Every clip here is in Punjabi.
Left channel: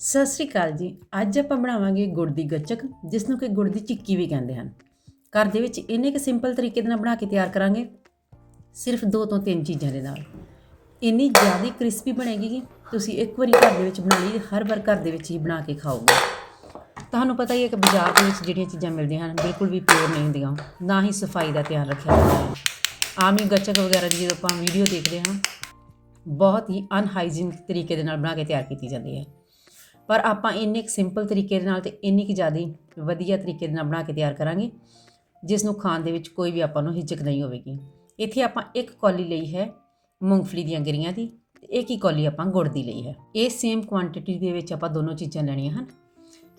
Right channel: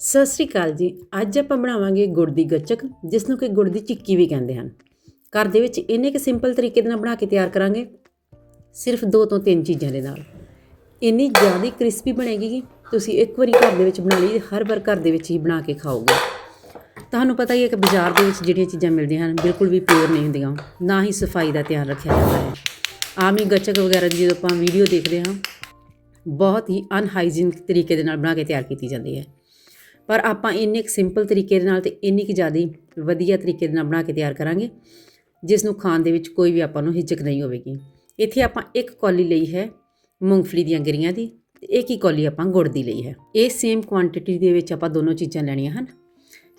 ਸਤਿ ਸ੍ਰੀ ਅਕਾਲ ਜੀ। ਅੱਜ ਆਪਾਂ ਬਣਾਵਾਂਗੇ ਗੁੜ ਦੀ ਗੱਚਕ ਜਿਸ ਨੂੰ ਕਿ ਗੁੜ ਦੀ ਚਿੱਕੀ ਵੀ ਕਹਿੰਦੇ ਹਨ। ਘਰ ਦੇ ਵਿੱਚ ਇੰਨੇ ਕੁ ਸਿੰਪਲ ਤਰੀਕੇ ਦੇ ਨਾਲ ਬਣਾ ਕੇ ਤਿਆਰ ਕਰਾਂਗੇ। ਸਿਰਫ ਦੋ ਤੋਂ ਤਿੰਨ ਚੀਜ਼ਾਂ ਦੇ ਨਾਲ। ਇੰਨੀ ਜ਼ਿਆਦਾ ਕ੍ਰਿਸਪੀ ਬਣੇਗੀ ਕਿ ਤੁਸੀਂ ਇੱਕ ਵਾਰੀ ਘਰ ਦੇ ਵਿੱਚ ਬਣਾ ਲਈ, ਹਰ ਵਾਰ ਘਰ ਦੇ ਵਿੱਚ ਹੀ ਬਣਾ ਕੇ ਖਾਓਗੇ। ਤੁਹਾਨੂੰ ਪਤਾ ਹੀ ਹੈ ਕਿ ਬਾਜ਼ਾਰ ਦੇ ਵਿੱਚ ਜਿਹੜੀਆਂ ਚੀਜ਼ਾਂ ਮਿਲਦੀਆਂ ਹਨ, ਬਿਲਕੁਲ ਵੀ ਪਿਓਰ ਨਹੀਂ ਹੁੰਦੀਆਂ। ਨਾ ਹੀ ਸਫ਼ਾਈ ਦਾ ਧਿਆਨ ਰੱਖਿਆ ਜਾਂਦਾ ਹੈ। ਆਮ ਹੀ ਗੱਚਕ ਵਗੈਰਾ ਦੀ ਜਦੋਂ ਆਪਾਂ ਵੀਡੀਓ ਦੇਖਦੇ ਹਾਂ, ਬਹੁਤ ਹੀ ਅਨਹਾਈਜੀਨਿਕ ਤਰੀਕੇ ਦੇ ਨਾਲ ਬਣਾ ਕੇ ਤਿਆਰ ਕੀਤੀ ਜਾਂਦੀ ਹੈ। ਪਰ ਆਪਾਂ ਇੰਨੇ ਕੁ ਸਿੰਪਲ ਤਰੀਕੇ ਦੇ ਨਾਲ ਤੇ ਇੰਨੀ ਕੁ ਜ਼ਿਆਦਾ ਵਧੀਆ ਤਰੀਕੇ ਦੇ ਨਾਲ ਬਣਾ ਕੇ ਤਿਆਰ ਕਰਾਂਗੇ, ਜਿਸ ਨੂੰ ਖਾਣ ਦੇ ਵਿੱਚ ਕੋਈ ਵੀ ਆਪਾਂ ਨੂੰ ਹਿਚਕ ਨਹੀਂ ਹੋਵੇਗੀ। ਇੱਥੇ ਆਪਾਂ ਇੱਕ ਕੌਲੀ ਲਈ ਹੈ ਮੂੰਗਫਲੀ ਦੀਆਂ ਗਿਰੀਆਂ ਦੀ, ਤੇ ਇੱਕ ਹੀ ਕੌਲੀ ਆਪਾਂ ਗੁੜ ਦੀ ਲਈ ਹੈ। ਇਹ ਸੇਮ ਕੁਆਂਟੀਟੀ ਦੇ ਵਿੱਚ ਆਪਾਂ ਦੋਨੋਂ ਚੀਜ਼ਾਂ ਲੈਣੀਆਂ ਹਨ।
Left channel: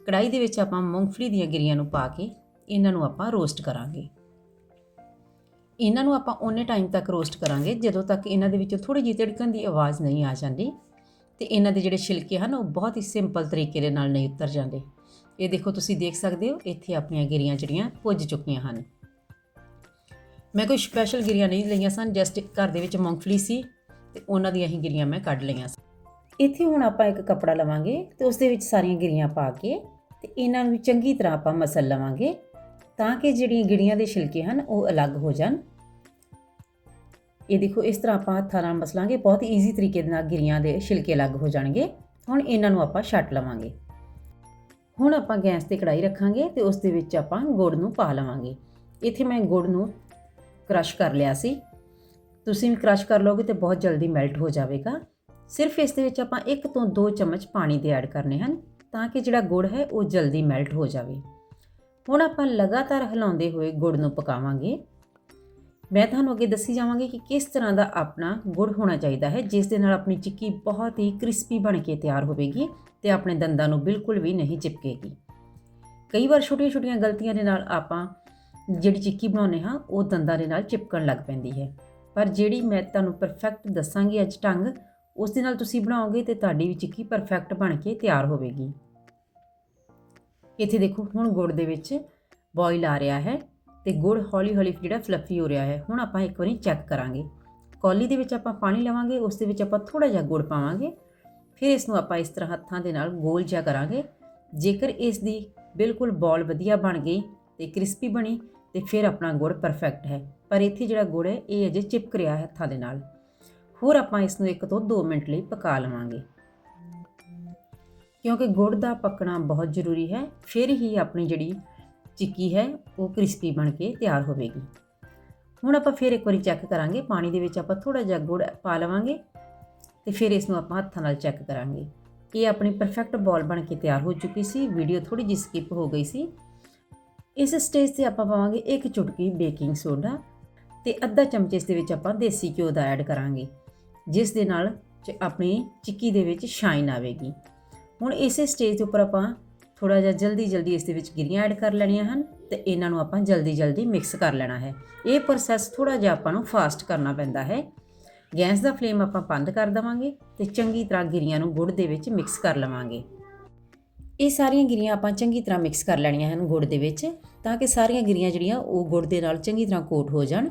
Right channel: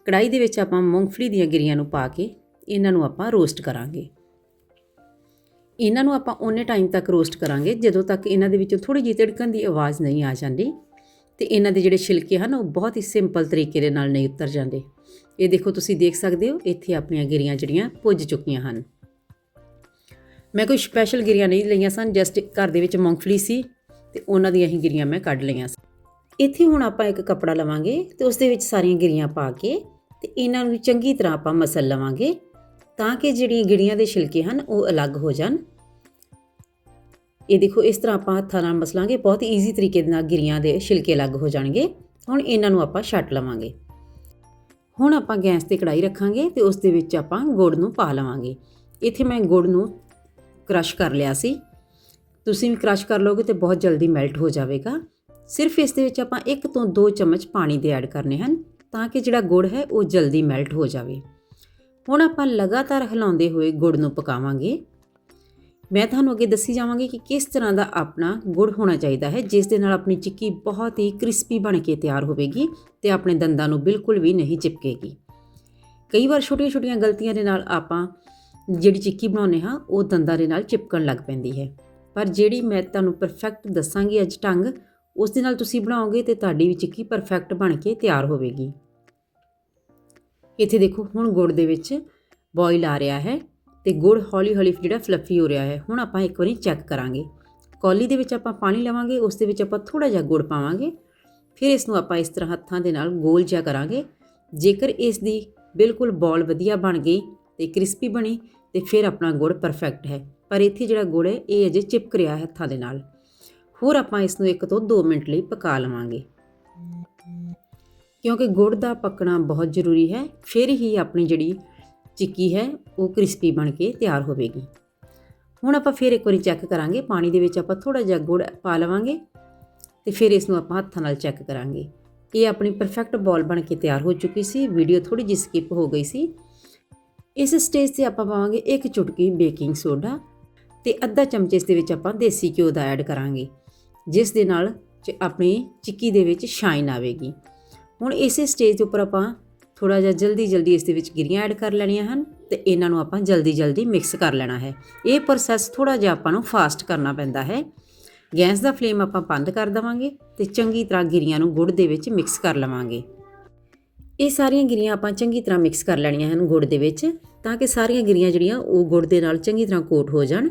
ਕੜਾਈ ਦੇ ਵਿੱਚ ਆਪਾਂ ਮੂੰਗਫਲੀ ਦੀਆਂ ਗਿਰੀਆਂ ਨੂੰ ਪਾ ਕੇ ਇਹਨਾਂ ਨੂੰ ਆਪਾਂ ਰੋਸਟ ਕਰਾਂਗੇ। ਇਹਨਾਂ ਨੂੰ ਆਪਾਂ ਉਹਨੇ ਟਾਈਮ ਤੱਕ ਰੋਸਟ ਕਰਾਂਗੇ, ਜਦੋਂ ਤੱਕ ਇਹਨਾਂ ਦੇ ਵਿੱਚੋਂ ਥੋੜੀ ਜਿਹੀ ਤਿੜਕਣ ਦੀ ਆਵਾਜ਼ ਨਹੀਂ ਆ ਜਾਂਦੀ। ਤੇ ਇਹਨਾਂ ਦੇ ਜਿਹੜੇ ਛਿਲਕੇ ਹਨ, ਉਹ ਬਹੁਤ ਹੀ ਸਿੰਪਲ ਤਰੀਕੇ ਦੇ ਨਾਲ ਨਹੀਂ ਉਤਰ ਜਾਂਦੇ। ਇਹ ਦੇਖੋ ਤੁਸੀਂ ਦੇਖ ਸਕਦੇ ਹੋ, ਇੱਥੇ ਆਪਣੀਆਂ ਗਿਰੀਆਂ ਜਿਹੜੀਆਂ ਪੁੱਜ ਚੁੱਕੀਆਂ ਹਨ। ਮੈਂ ਕੋਈ ਸਪੈਸ਼ਲ ਗਿਰੀਆਂ ਨਹੀਂ ਲਈਆਂ ਸਨ ਜਸਟ ਘਰ ਦੇ ਵਿੱਚ ਮੂੰਗਫਲੀ ਸੀ ਤੇ ਉਹਨਾਂ ਦੀਆਂ ਹੀ ਗਿਰੀਆਂ ਮੈਂ ਕੱਢ ਲਈਆਂ ਸਨ। ਇੱਥੇ ਹੁਣ ਆਪਾਂ ਇੱਕ ਕੱਪੜਾ ਲਵਾਂਗੇ ਤੇ ਉਸ ਦੇ ਵਿੱਚ ਸਾਰੀਆਂ ਗਿਰੀਆਂ ਪਾ ਕੇ ਤੇ ਇਹਨਾਂ ਨੂੰ ਚੰਗੀ ਤਰ੍ਹਾਂ ਆਪਾਂ ਮਸਲ ਲਵਾਂਗੇ ਤਾਂ ਕਿ ਜਿਹੜੀਆਂ ਗਿਰੀਆਂ ਦੇ ਛਿਲਕੇ ਹਨ, ਉਹ ਅਲੱਗ ਹੋ ਜਾਣ। ਇਹ ਦੇਖੋ, ਇਸ ਤਰ੍ਹਾਂ ਆਪਾਂ ਹੱਥਾਂ ਨਾਲ ਮਸਲਾਂਗੇ, ਬਹੁਤ ਈਜ਼ੀ ਤਰੀਕੇ ਦੇ ਨਾਲ ਗਿਰੀਆਂ ਦੇ ਛਿਲਕੇ ਅਲੱਗ ਹੋ ਜਾਣਗੇ। ਹੁਣ ਇਹਨਾਂ ਨੂੰ ਆਪਾਂ ਛੱਟ ਲਵਾਂਗੇ। ਹੁਣ ਆਪਾਂ ਗੈਸ ਤੇ ਕੜਾਈ ਰੱਖਾਂਗੇ ਤੇ ਉਸ ਦੇ ਵਿੱਚ ਆਪਾਂ ਗੁੜ ਨੂੰ ਪਾ ਲਵਾਂਗੇ। ਇੱਥੇ ਮੈਂ ਗੁੜ ਨੂੰ ਕ੍ਰਸ਼ ਕਰ ਲਿਆ ਸੀ। ਤੁਸੀਂ ਵੀ ਕ੍ਰਸ਼ ਕਰ ਲਓਗੇ ਤੇ ਬਹੁਤ ਜਲਦੀ ਮੈਲਟ ਹੋ ਜਾਵੇਗਾ। ਸਿਰਫ ਇਸ ਦੇ ਵਿੱਚ ਆਪਾਂ 1 ਤੋਂ 2 ਚਮਚ ਪਾਣੀ ਦੇ ਐਡ ਕਰਨੇ ਹਨ ਤਾਂ ਕਿ ਜਿਹੜਾ ਗੁੜ ਹੈ ਉਹ ਜਲਦੀ ਮੈਲਟ ਹੋ ਜਾਵੇ। ਹੁਣ ਆਪਾਂ ਲਗਾਤਾਰ ਹਿਲਾਉਂਦੇ ਹੋਏ ਗੁੜ ਨੂੰ ਪਕਾਵਾਂਗੇ। ਮੈਂ ਤੁਹਾਨੂੰ ਅੱਗੇ ਦੱਸੀ ਜਾਵਾਂਗੀ ਕਿ ਕਿਸ ਤਰ੍ਹਾਂ ਦਾ ਆਪਣਾ ਗੁੜ ਹੋਣਾ ਚਾਹੀਦਾ ਹੈ, ਜਿਸ ਦੇ ਨਾਲ ਆਪਣੀ ਚਿੱਕੀ ਬਹੁਤ ਹੀ ਕ੍ਰਿਸਪੀ ਬਣ ਕੇ ਤਿਆਰ ਹੋਵੇਗੀ ਤੇ ਆਪਣੇ ਦੰਦਾਂ ਨੂੰ ਬਿਲਕੁਲ ਵੀ ਨਹੀਂ ਚਿਪਕੇਗੀ। ਕਈ ਵਾਰ ਛੋਟੀਆਂ-ਛੋਟੀਆਂ ਗਲਤੀਆਂ ਦੇ ਨਾਲ ਆਪਾਂ ਜਿਹੜੀ ਚਿੱਕੀ ਬਣਾਉਂਦੇ ਹਾਂ, ਉਹ ਦੰਦਾਂ ਦੇ ਨਾਲ ਚਿਪਕਣ ਲੱਗ ਪੈਂਦੀ ਹੈ। ਪਰ ਜਿਹੜੀ ਮੈਂ ਤੁਹਾਨੂੰ ਪਰਫੈਕਟ ਦੱਸਾਂਗੀ ਅੱਜ ਢੰਗ, ਉਸ ਦੇ ਨਾਲ ਤੁਸੀਂ ਬਣਾਓਗੇ ਤੇ ਤੁਹਾਡੀ ਵੀ ਚਿੱਕੀ ਪਰਫੈਕਟ ਬਣ ਕੇ ਤਿਆਰ ਹੋਵੇਗੀ। ਇੱਥੇ ਦੇਖੋ, ਹੁਣ ਗੁੜ ਦੇ ਵਿੱਚ ਬੋਇਲ ਆ ਰਿਹਾ ਹੈ। ਤੇ ਗੁੜ ਹੌਲੀ-ਹੌਲੀ ਜਿਹੜਾ ਫਲਫੀ ਹੋ ਰਿਹਾ ਹੈ, ਹੁਣ ਆਪਾਂ ਇੱਕ ਵਾਰੀ ਚੈੱਕ ਕਰਾਂਗੇ। ਕੌਲੀ ਦੇ ਵਿੱਚ ਆਪਾਂ ਪਾਣੀ ਲਵਾਂਗੇ, ਉਸ ਦੇ ਵਿੱਚ ਆਪਾਂ ਥੋੜਾ ਜਿਹਾ ਗੁੜ ਪਾਵਾਂਗੇ। ਫਿਰ ਇਸ ਨੂੰ ਆਪਾਂ ਇਸ ਤਰ੍ਹਾਂ ਹੱਥਾਂ ਦੇ ਨਾਲ ਗੋਲ ਜਿਹਾ ਕਰਾਂਗੇ। ਜੇਕਰ ਇਸ ਦੀ ਬਿਲਕੁਲ ਬੋਲ ਵਧੀਆ ਬਣ ਗਈ ਤੇ ਕ੍ਰਿਸਪੀ ਬਣੀ, ਤੇ ਫਿਰ ਆਪਣਾ ਗੁੜ ਪਰਫੈਕਟ ਹੈ। ਪਰ ਇੱਥੇ ਜਿਹੜਾ ਗੁੜ ਹੈ, ਇਹ ਅਜੇ ਚਿਪਕ ਰਿਹਾ ਹੈ ਹੱਥਾਂ ਦੇ ਨਾਲ। ਹੋਰ ਆਪਾਂ ਇਸ ਨੂੰ 1 ਤੋਂ 2 ਮਿੰਟ ਲਈ ਪਕਾ ਲਵਾਂਗੇ। ਕਿਉਂਕਿ ਗੁੜ ਦਾ ਪੱਕਣਾ ਬਹੁਤ ਜ਼ਰੂਰੀ ਹੈ, ਫਿਰ ਹੀ ਆਪਣੀ ਜਿਹੜੀ ਚਿੱਕੀ ਹੈ, ਉਹ ਕ੍ਰਿਸਪੀ ਬਣ ਕੇ ਤਿਆਰ ਹੋਵੇਗੀ। ਹੁਣ ਆਪਾਂ ਫਿਰ ਇੱਕ ਵਾਰੀ ਚੈੱਕ ਕਰਾਂਗੇ, ਪਾਣੀ ਦੇ ਵਿੱਚ ਆਪਾਂ ਥੋੜਾ ਜਿਹਾ ਗੁੜ ਪਾ ਲਵਾਂਗੇ ਤੇ ਫਿਰ ਇਸ ਨੂੰ ਆਪਾਂ ਹੱਥਾਂ ਨਾਲ ਚੈੱਕ ਕਰਾਂਗੇ। ਇਹ ਆਪਣੀ ਪਰਫੈਕਟ ਬਾਲ ਬਣ ਕੇ ਤਿਆਰ ਹੋ ਚੁੱਕੀ ਸੀ ਵੀਡੀਓ ਥੋੜੀ ਜਿਹੀ ਸਕਿਪ ਹੋ ਗਈ ਸੀ। ਇਸ ਸਟੇਜ ਤੇ ਆਪਾਂ ਪਾਵਾਂਗੇ ਇੱਕ ਚੁਟਕੀ ਬੇਕਿੰਗ ਸੋਡਾ ਤੇ ਅੱਧਾ ਚਮਚ ਇਸ ਦੇ ਵਿੱਚ ਆਪਾਂ ਦੇਸੀ ਘਿਓ ਦਾ ਐਡ ਕਰਾਂਗੇ, ਜਿਸ ਦੇ ਨਾਲ ਆਪਣੀ ਚਿੱਕੀ ਦੇ ਵਿੱਚ ਸ਼ਾਈਨ ਆਵੇਗੀ। ਹੁਣ ਇਸੇ ਸਟੇਜ ਦੇ ਉੱਪਰ ਆਪਾਂ ਥੋੜਾ ਜਿਹਾ ਜਲਦੀ ਜਲਦੀ ਇਸ ਦੇ ਵਿੱਚ ਗਿਰੀਆਂ ਐਡ ਕਰ ਲੈਣੀਆਂ ਹਨ ਤੇ ਇਹਨਾਂ ਨੂੰ ਆਪਾਂ ਜਲਦੀ ਜਲਦੀ ਮਿਕਸ ਕਰ ਲੈਣਾ ਹੈ। ਇਹ ਪ੍ਰੋਸੈਸ ਥੋੜਾ ਜਿਹਾ ਆਪਾਂ ਨੂੰ ਫਾਸਟ ਕਰਨਾ ਪੈਂਦਾ ਹੈ। ਗੈਸ ਦਾ ਫਲੇਮ ਆਪਾਂ ਬੰਦ ਕਰ ਦਵਾਂਗੇ ਤੇ ਚੰਗੀ ਤਰ੍ਹਾਂ ਗਿਰੀਆਂ ਨੂੰ ਗੁੜ ਦੇ ਵਿੱਚ ਮਿਕਸ ਕਰ ਲਵਾਂਗੇ। ਇਹ ਸਾਰੀਆਂ ਗਿਰੀਆਂ ਆਪਾਂ ਚੰਗੀ ਤਰ੍ਹਾਂ ਮਿਕਸ ਕਰ ਲੈਣੀਆਂ ਹਨ ਗੁੜ ਦੇ ਵਿੱਚ ਤਾਂ ਕਿ ਸਾਰੀਆਂ ਗਿਰੀਆਂ ਜਿਹੜੀਆਂ ਉਹ ਗੁੜ ਦੇ ਨਾਲ ਚੰਗੀ ਤਰ੍ਹਾਂ ਕੋਟ ਹੋ ਜਾਣ।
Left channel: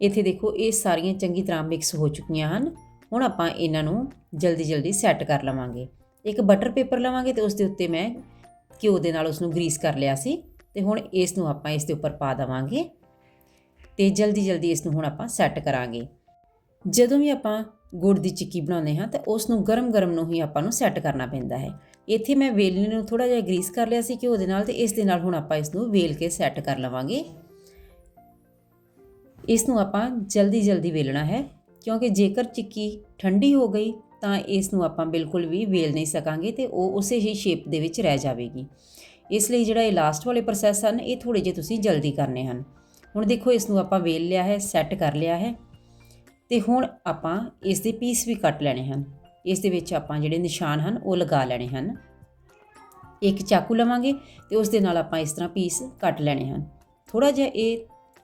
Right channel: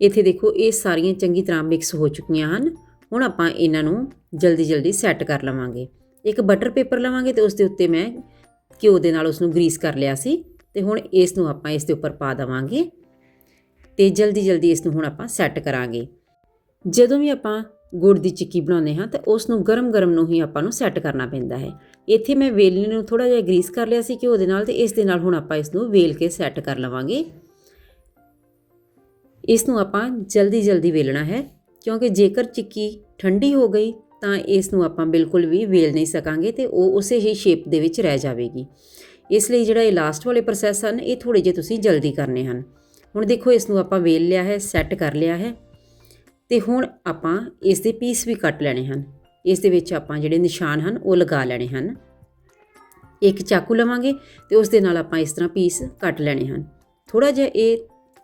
ਇੱਥੇ ਦੇਖੋ ਇਹ ਸਾਰੀਆਂ ਚੰਗੀ ਤਰ੍ਹਾਂ ਮਿਕਸ ਹੋ ਚੁੱਕੀਆਂ ਹਨ। ਹੁਣ ਆਪਾਂ ਇਹਨਾਂ ਨੂੰ ਜਲਦੀ ਜਲਦੀ ਸੈੱਟ ਕਰ ਲਵਾਂਗੇ। ਇੱਕ ਬਟਰ ਪੇਪਰ ਲਵਾਂਗੇ ਤੇ ਉਸ ਦੇ ਉੱਤੇ ਮੈਂ ਘਿਓ ਦੇ ਨਾਲ ਉਸ ਨੂੰ ਗਰੀਸ ਕਰ ਲਿਆ ਸੀ ਤੇ ਹੁਣ ਇਸ ਨੂੰ ਆਪਾਂ ਇਸ ਦੇ ਉੱਪਰ ਪਾ ਦਵਾਂਗੇ ਤੇ ਜਲਦੀ ਜਲਦੀ ਇਸ ਨੂੰ ਹੁਣ ਆਪਾਂ ਸੈੱਟ ਕਰਾਂਗੇ। ਜਦੋਂ ਵੀ ਆਪਾਂ ਗੁੜ ਦੀ ਚਿੱਕੀ ਬਣਾਉਂਦੇ ਹਾਂ ਤਾਂ ਉਸ ਨੂੰ ਗਰਮ-ਗਰਮ ਨੂੰ ਹੀ ਆਪਾਂ ਨੂੰ ਸੈੱਟ ਕਰਨਾ ਪੈਂਦਾ ਹੈ। ਇੱਥੇ ਮੈਂ ਵੇਲਣੇ ਨੂੰ ਥੋੜਾ ਜਿਹਾ ਗਰੀਸ ਕਰ ਲਿਆ ਸੀ ਘਿਓ ਦੇ ਨਾਲ ਤੇ ਇਸ ਦੇ ਨਾਲ ਹੁਣ ਆਪਾਂ ਇਸ ਨੂੰ ਵੇਲ ਕੇ ਸੈੱਟ ਕਰ ਲਵਾਂਗੇ। ਇਸ ਨੂੰ ਆਪਾਂ ਜਲਦੀ-ਜਲਦੀ ਵੇਲਣਾ ਹੈ ਕਿਉਂਕਿ ਜੇਕਰ ਚਿੱਕੀ ਠੰਡੀ ਹੋ ਗਈ ਤਾਂ ਇਸ ਨੂੰ ਆਪਾਂ ਬਿਲਕੁਲ ਵੀ ਵੇਲ ਨਹੀਂ ਸਕਾਂਗੇ ਤੇ ਉਹ ਉਸੇ ਹੀ ਸ਼ੇਪ ਦੇ ਵਿੱਚ ਰਹਿ ਜਾਵੇਗੀ। ਇਸ ਲਈ ਜਿਹੜਾ ਇਹ ਲਾਸਟ ਵਾਲੇ ਪ੍ਰੋਸੈਸ ਹਨ, ਇਹ ਥੋੜੇ ਜਿਹੇ ਤੁਸੀਂ ਜਲਦੀ ਕਰਨੇ ਹਨ। ਹੁਣ ਦੇਖੋ ਇਸ ਨੂੰ ਆਪਾਂ ਵੇਲ ਲਿਆ ਹੈ ਸੈੱਟ ਕਰ ਲਿਆ ਹੈ ਤੇ ਹੁਣ ਆਪਾਂ ਇਸ ਦੇ ਪੀਸ ਵੀ ਕੱਟ ਲੈਣੇ ਹਨ। ਇਸ ਦੇ ਵਿੱਚ ਆਪਾਂ ਜਿਹੜੇ ਨਿਸ਼ਾਨ ਹਨ, ਉਹ ਲਗਾ ਲੈਣੇ ਹਨ। ਇੱਕ ਚਾਕੂ ਲਵਾਂਗੇ ਤੇ ਉਸ ਦੇ ਨਾਲ ਆਪਾਂ ਇਸ ਤਰ੍ਹਾਂ ਪੀਸ ਕੱਟ ਲੈਣੇ ਹਨ। ਥੋੜਾ ਜਿਹਾ ਇਹ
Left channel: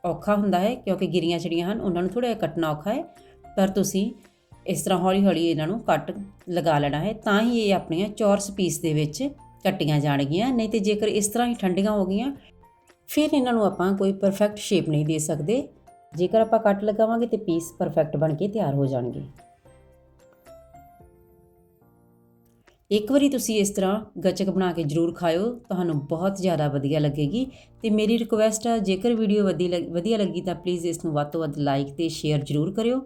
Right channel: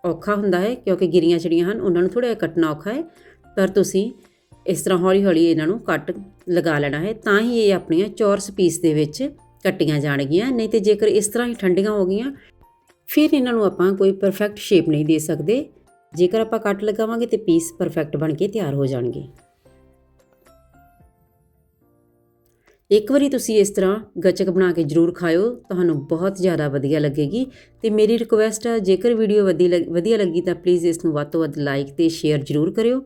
ਔਖਾ ਹੁੰਦਾ ਹੈ ਕਿਉਂਕਿ ਗਿਰੀਆਂ ਜਿਹੜੀਆਂ ਹਨ, ਉਹਨਾਂ ਨੂੰ ਥੋੜਾ ਜਿਹਾ ਕੱਟਣਾ ਔਖਾ ਹੈ। ਪਰ ਤੁਸੀਂ ਇਸ ਤਰ੍ਹਾਂ ਹੌਲੀ-ਹੌਲੀ ਇਹਨਾਂ ਨੂੰ ਕੱਟ ਲਗਾ ਲੈਣਾ ਹੈ, ਤਾਂ ਹੀ ਇਹ ਆਪਣੀਆਂ ਚੌਰਸ ਪੀਸ ਦੇ ਵਿੱਚ ਕੱਟੀਆਂ ਜਾਣਗੀਆਂ। ਨਹੀਂ ਤੇ ਜੇਕਰ ਇਸ ਤਰ੍ਹਾਂ ਹੀ ਠੰਡੀਆਂ ਹੋ ਗਈਆਂ, ਫਿਰ ਇਹਨਾਂ ਨੂੰ ਆਪਾਂ ਕੋਈ ਪਰਫੈਕਟ ਸ਼ੇਪ ਨਹੀਂ ਦੇ ਸਕਦੇ। ਜੇਕਰ ਆਪਾਂ ਕੱਟ ਲਗਾਵਾਂਗੇ ਤੇ ਪੀਸ ਪਰਫੈਕਟ ਬਣ ਕੇ ਤਿਆਰ ਹੋ ਜਾਣਗੇ। ਇੱਕ ਵਾਰੀ ਤੁਸੀਂ ਇਸ ਤਰ੍ਹਾਂ ਗੱਚਕ ਬਣਾ ਕੇ ਜਰੂਰ ਖਾਇਓ, ਤੁਹਾਨੂੰ ਬਹੁਤ ਜ਼ਿਆਦਾ ਵਧੀਆ ਲੱਗੇਗੀ। ਤੇ ਮੇਰੀ ਰਿਕੁਐਸਟ ਹੈ ਜੇਕਰ ਵੀਡੀਓ ਵਧੀ ਲੱਗ- ਵਧੀਆ ਲੱਗੀ ਤਾਂ ਪਲੀਜ਼ ਇਸ ਨੂੰ ਵੱਧ ਤੋਂ ਵੱਧ ਲਾਈਕ ਤੇ ਸ਼ੇਅਰ ਜਰੂਰ ਕਰਿਓ।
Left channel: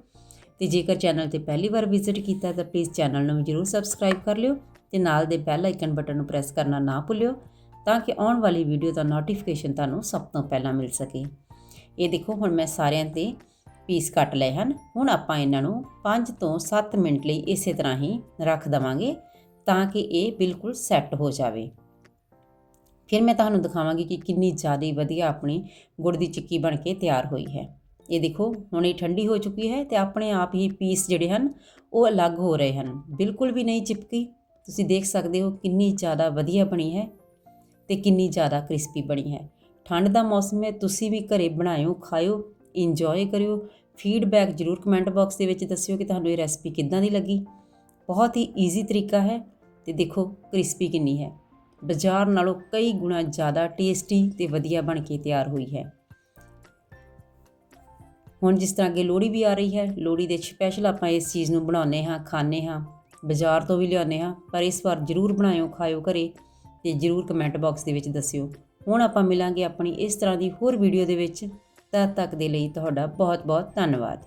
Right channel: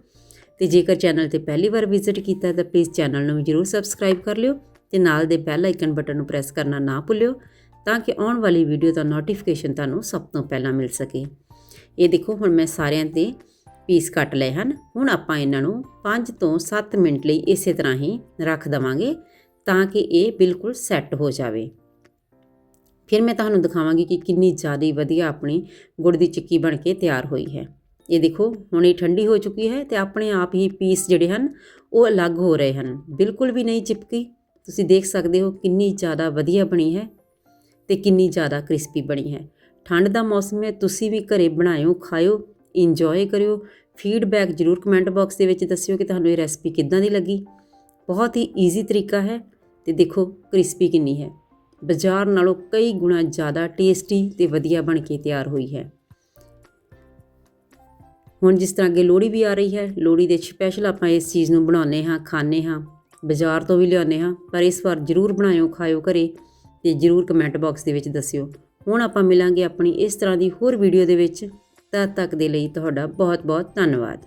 ਤੇ ਜੇਕਰ ਚੈਨਲ ਤੇ ਪਹਿਲੀ ਵਾਰ ਵਿਜ਼ਿਟ ਕੀਤਾ ਤਾਂ ਪਲੀਜ਼ ਚੈਨਲ ਨੂੰ ਵੀ ਜਰੂਰ ਸਬਸਕ੍ਰਾਈਬ ਕਰ ਲਿਓ ਤੇ ਨਾਲ ਦੇ ਬੈਲ ਆਈਕਨ ਬਟਨ ਨੂੰ ਪ੍ਰੈਸ ਕਰਨਾ ਨਾ ਭੁੱਲਿਓ ਤਾਂ ਕਿ ਆਉਣ ਵਾਲੀ ਵੀਡੀਓ ਦਾ ਨੋਟੀਫਿਕੇਸ਼ਨ ਤੁਹਾਨੂੰ ਸਭ ਤੋਂ ਪਹਿਲਾਂ ਮਿਲ ਸਕੇ। ਇਹ ਦੇਖੋ, ਹੁਣ ਮੈਂ ਸਾਰਿਆਂ ਤੇ ਪੀਸ ਕੱਟ ਲਏ ਹਨ। ਹੁਣ ਆਪਾਂ ਇਹਨਾਂ ਨੂੰ 5 ਤੋਂ 7 ਮਿੰਟ ਲਈ ਇਸੇ ਤਰ੍ਹਾਂ ਹੀ ਰੱਖ ਦਵਾਂਗੇ ਤਾਂ ਕਿ ਇਹ ਬਿਲਕੁਲ ਸੈੱਟ ਹੋ ਜਾਵੇ। ਫਿਰ ਮੈਂ ਤੁਹਾਨੂੰ ਦਿਖਾਵਾਂਗੀ ਕਿ ਕਿੰਨੀ ਜ਼ਿਆਦਾ ਵਧੀਆ ਆਪਣੀ ਗੁੜ ਦੀ ਚਿੱਕੀ ਬਣ ਕੇ ਤਿਆਰ ਹੋਈ ਹੈ। ਇਹ ਦੇਖੋ, ਹੁਣ ਇਹ ਠੰਡੀ ਹੋ ਚੁੱਕੀ ਹੈ ਤੇ ਆਪਣੇ ਆਪ ਹੀ ਪੀਸ ਜਿਹੜੇ ਹਨ, ਉਹ ਅਲੱਗ ਹੋ ਰਹੇ ਹਨ। ਬਿਲਕੁਲ ਵੀ ਨਹੀਂ ਚਿਪਕੀ। ਤੁਸੀਂ ਦੇਖ ਸਕਦੇ ਹੋ ਕਿੰਨੀ ਜ਼ਿਆਦਾ ਵਧੀਆ ਬਣੀ ਹੈ ਤੇ ਕਿੰਨੀ ਜ਼ਿਆਦਾ ਕ੍ਰਿਸਪੀ ਬਣੀ ਹੈ। ਠੰਡ ਦਾ ਮੌਸਮ ਹੈ, ਤੁਸੀਂ ਵੀ ਘਰੇ ਬਣਾਇਓ, ਖਾਇਓ, ਇੰਜੋਏ ਕਰਿਓ। ਫੀਡਬੈਕ ਜਰੂਰ ਕਮੈਂਟ ਬਾਕਸ ਦੇ ਵਿੱਚ ਦੱਸਿਓ ਕਿ ਤੁਹਾਨੂੰ ਇਹ ਰੈਸਪੀ ਕਿੱਦਾਂ ਦੀ ਲੱਗੀ। ਬਹੁਤ ਹੀ ਈਜ਼ੀ ਤਰੀਕਾ ਹੈ ਤੇ ਦੇਖੋ ਕ੍ਰਿਸਪੀ ਕਿੰਨੀ ਹੈ। ਬਾਜ਼ਾਰ ਨਾਲੋਂ ਕਈ ਗੁਣਾ ਜ਼ਿਆਦਾ ਟੇਸਟੀ ਤੇ ਵਧੀਆ ਬਣ ਕੇ ਤਿਆਰ ਹੋਈ ਹੈ। ਹੁਣ ਜਿਸ ਤਰ੍ਹਾਂ ਅੱਗੇ ਲੋਹੜੀ ਵੀ ਆ ਰਹੀ ਹੈ, ਲੋਹੜੀ ਦੇ ਸਪੈਸ਼ਲ ਆਪਾਂ ਇਸ ਚੀਜ਼ ਨੂੰ ਬਣਾਉਂਦੇ ਹਾਂ, ਖਾਂਦੇ ਹਾਂ, ਬਾਜ਼ਾਰ ਤੋਂ ਵੀ ਲਿਆਉਂਦੇ ਹਾਂ, ਪਰ ਇਸ ਵਾਰ ਜਰੂਰ ਬਣਾਇਓ, ਖਾਇਓ ਘਰੇ ਤੇ ਜਰੂਰ ਕਮੈਂਟ ਬਾਕਸ ਦੇ ਵਿੱਚ ਦੱਸਿਓ। ਹੁਣ ਆਪਾਂ ਮਿਲਾਂਗੇ ਆਪਣੀ ਇਸ ਤਰ੍ਹਾਂ ਦੀ ਹੋਰ ਵੀਡੀਓ ਦੇ ਵਿੱਚ। ਤਦ ਤੱਕ ਦੇ ਲਈ ਤੁਹਾਡਾ ਬਹੁਤ ਬਹੁਤ ਧੰਨਵਾਦ।